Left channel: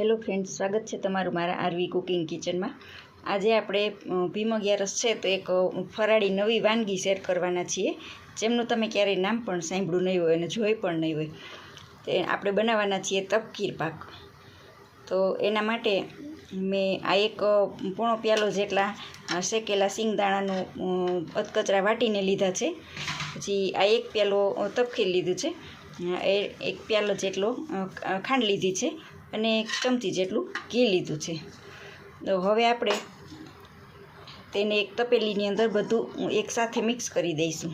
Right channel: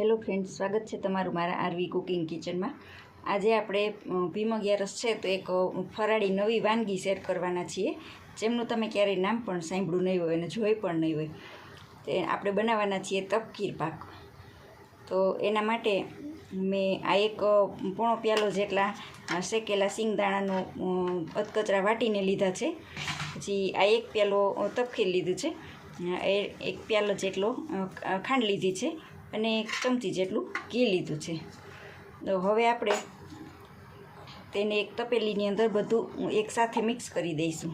Hello friends, સ્વાગત છે તમારું મારા આરવી કુકિંગ કિચનમાં। આજે આપણે ભીમ અગિયારસ છે તો એક ફરાળી નવી વાનગી શેર કરવાના છીએ, જેમનું તમે ક્યારેય નામ પણ સાંભળ્યું નહીં હોય અને જોઈ પણ નહીં હોય। તે આપણે બનાવવાના છીએ તપકીર પાક। તો એના માટે મેં આ એક પોણો પ્યાલો જેટલા શેકેલા સિંગદાણાનું અધકચરા વાટીને લીધા છે। પછી આ એક પ્યાલો તપકીર લીધું છે, એક પ્યાલો જેટલો ખાંડ લીધી છે અને 1 ચમચી જેટલું ઘી લીધું છે। તો હવે આપણે તેને એક તપેલીની અંદર બધું એકસાથે મિક્સ કરી દઈશું।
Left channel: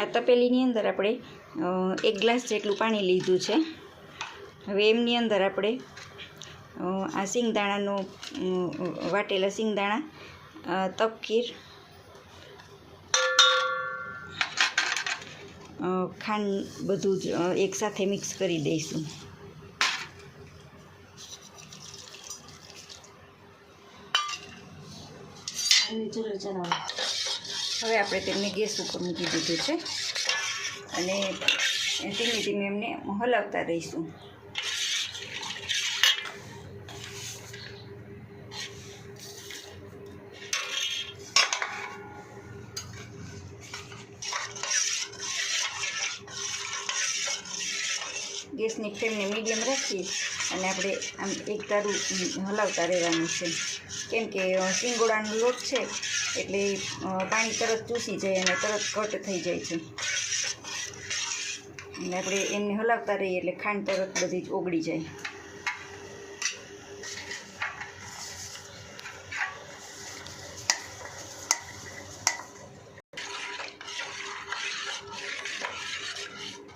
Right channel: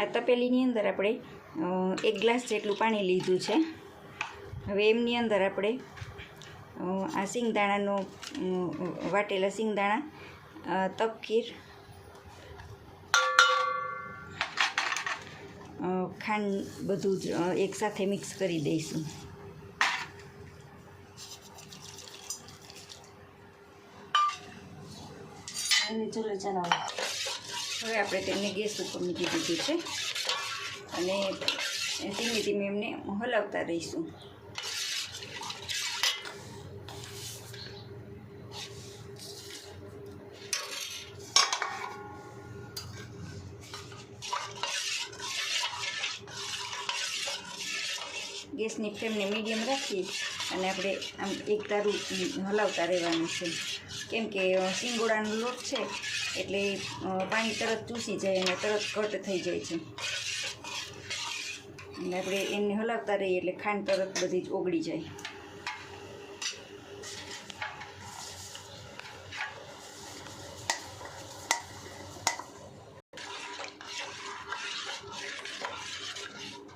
આ તપેલીની અંદર આપણે 1 ગ્લાસ જેટલું પાણી લીધું છે। હવે એમની અંદર આપણે આ સિંગદાણાનું વાટેલા સિંગદાણા, તપકીર, ખાંડ બધું જ એકસાથે મિક્સ કરી દઈશું। હવે આપણે તેમને ગેસ ઉપર મૂકી દીધું છે અને ધીમે ધીમે એમને હલાવતા રહીશું। ગેસની ફ્લેમને મીડિયમ રાખી અને આપણે આમ એક ધારું હલાવતા રહેવાનું છે, કેમ કે સિંગોડાનો લોટ છે એટલે પાણી તરત ચૂસી જાય અને તરત ઘટ થઈ જાય છે। અને આપણે એમને હલાવતા રહીએ એટલે ખાંડ તરત બધી જ ઓગળી જાય।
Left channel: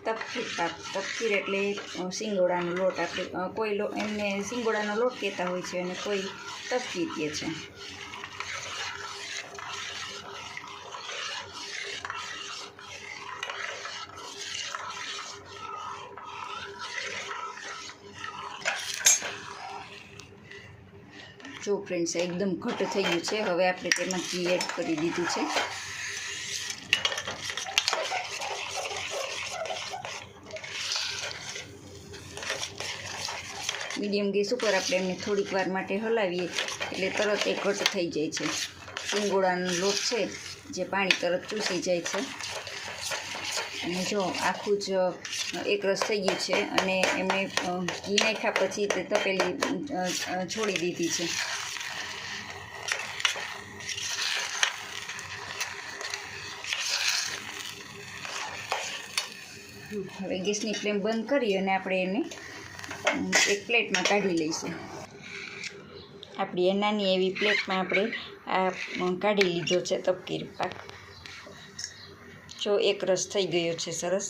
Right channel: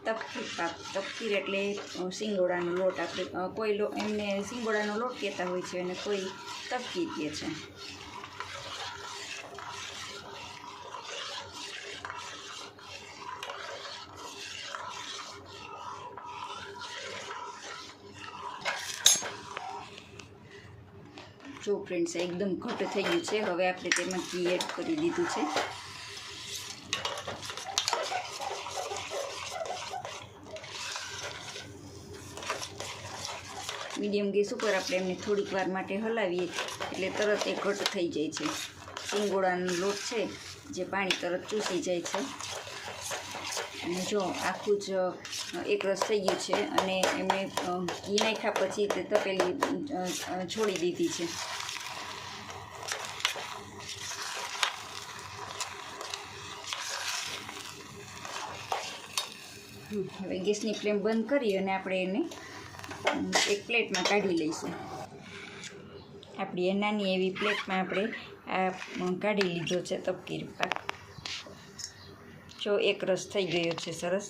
તપકીર પાક, તપકીર એટલે સિંગોડાનો લોટ। આપણે કોઈ એમને સિંગોડાનો લોટ કહેતા હોય છે અને કોઈ તપકીર કહે છે। જો ફ્રેન્ડ્સ, એકદમ ઘટ થઈ ગયું છે। હવે આપણે તેમાં ઘી એડ કરી દીધું છે। મીડિયમ ગેસ ઉપર આપણે એને થોડીક વાર માટે હલાવીએ એટલે તરત એ ઘટ થઈ જાય છે। સિંગોડાનો લોટ છે જે પાણી તરત ચૂસી જાય છે। અને જો આખું જ એકરસ થઈ ગયું છે અને એમને ઘી નાખ્યા પછી તે તપેલી છોડી દીધી છે। હવે ગેસની ફ્લેમ બંધ કરી અને આપણે એને એક પ્લેટમાં કાઢી લઈશું। આપણી નાની એવી પ્લેટમાં આપણે આ કાઢી લીધો છે તપકીર પાક। જો એક રસ થઈ ગયો છે સરસ।